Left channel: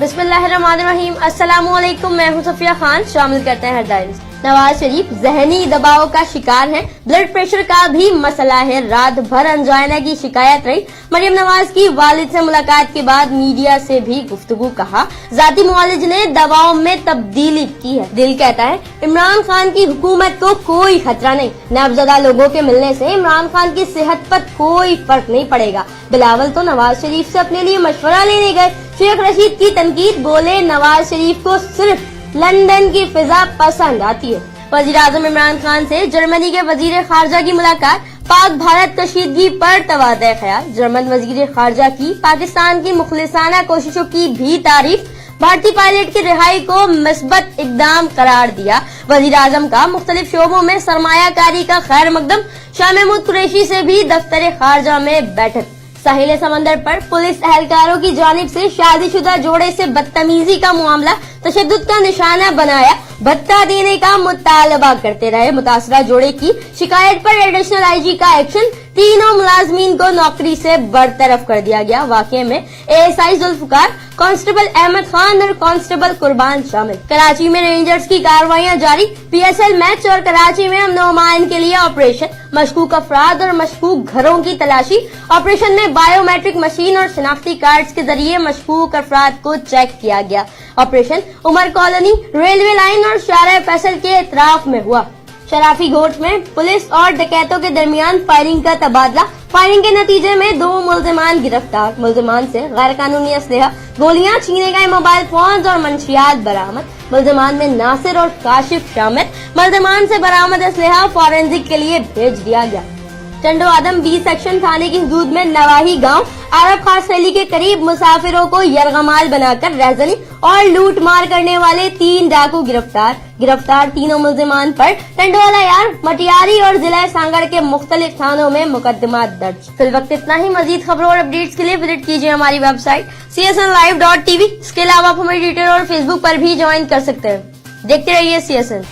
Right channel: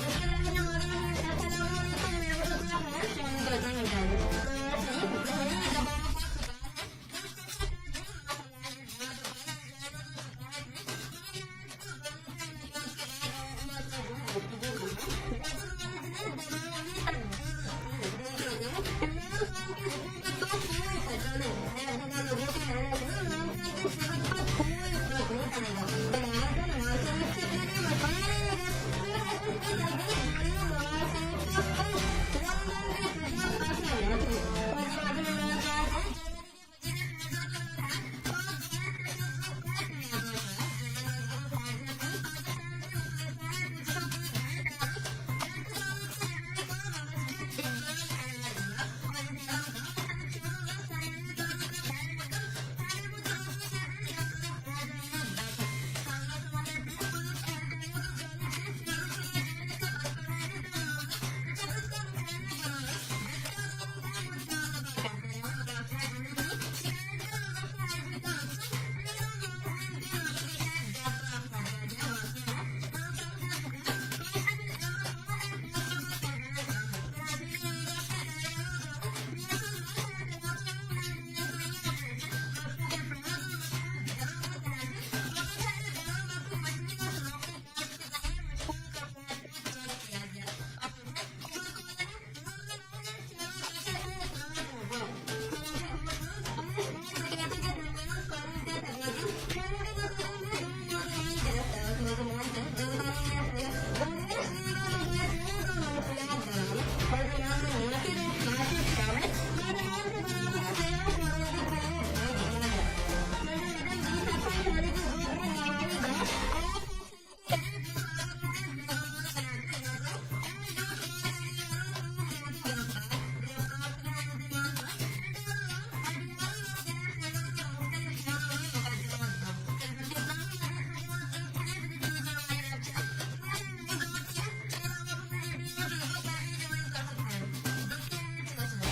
बिस्मिल्लाहिर्रहमानिर्रहीम। अस्सलामु अलैकुम। मैं हूं सफिया खान। शामिल करते हैं हेडलाइंस। नवाज शरीफ जहनी दबाव का शिकार हैं। ब्लड प्रेशर का भी मसला है। रात भर अंजाइना की शिकायत रही। मरियम नवाज की वालिद से मुलाकात के बाद मीडिया से भी गुफ्तगू। कहा जाती मुआलिज ने दवाओं में तब्दीली की है। दिल कहता है इमरान खान की हुकूमत को कोई खतरा नहीं। नब्जदा लोगों के मिलने से इमरान खान की सेहत पर कोई फर्क नहीं पड़ेगा। बिलावल तो नवाज शरीफ से अपने लिए मशवरा लेने गए। शेख रशीद की तनकीद। बोले नवाज शरीफ को सिर्फ लंदन की फिजा पसंद आती है। वजीर आजम इमरान खान से जर्मनी के वजीर खारजा की मुलाकात। पाक भारत कशीदगी पर तवादे ख्याल। जर्मन वजीर खारजा की पाकिस्तान की मुखलिसाना कोशिशों की भी तारीफ। भारतीय पायलट की रिहाई को मुस्बत इकदाम करार दिया। वजीर आजम का मुख्तलिफ शोबों में सरमायाकारी का खैर मकदम। शाह महमूद कुरैशी से भी दफ्तर खारजा में बैठक। साहिल समंदर पर पुलिस एहलकारों की जानिब से शादीशुदा जोड़े से बदतमीजी का मामला तशद्दुद का निशाना बनाया। भत्ता देने का मुतालबा करते रहे। मुतासरा जोड़े की शिकायत पर एडिशनल आईजी का एक्शन। तीनों मुलाजमीन को नौकरी से बरतरफ कर दिया गया। वाकये में एएसआई जुल्फकार, कांस्टेबल अहमद खान और कांस्टेबल कुर्बान शामिल। कराची में रेंजर्स की कार्रवाइयां जारी। पीएसएल मैच और कराची में अमन अमान के लिए ऑपरेशन। मशकूक अफराद और मशकूक घरों की तलाशी। ऑपरेशन में बायोमेट्रिक मशीन और शनाख्ती कार्ड्स के जरिए मशकूक अफराद को चेक किया गया। Operation Umar colony, railway line और शारा फैसल के इतराफ में हुआ। शराफी घोट में पुलिस और डकैतों के दरमियान फायरिंग का तबादला। फायरिंग के नतीजे में 2 मुलजिमान गिरफ्तार। मुलजिमान से गैर कानूनी असलहा, गोलियां, छीने गए मोबाइल फोन और मंशियात बरामद। मुलजिमान में नासिर और काशिफ शामिल। मुलजिमान से बरामद असलहा फॉरेंसिक के लिए भेज दिया गया। चंडो आदम 20 सेक्शन थाने की हदूद में नवाही गांव अरब खास रैली के करीब मुसाफिरों को यरगमाल बनाकर रहजनी और लूट मार करने वाले 3 डाकू गिरफ्तार तीनों मुलजिमान पर टंडोला यार, मटियारी और जिला सांगड़ के मुख्तलिफ थानों में मुकदमा दर्ज। फिल वक्त इतना ही। मजीद खबरों और अपडेट्स के लिए विजिट कीजिए हमारी वेबसाइट csnlive.tv। इसके अलावा आप हमें ट्विटर और फेसबुक पर भी ज्वाइन कर सकते हैं। देखते रहिए CSN।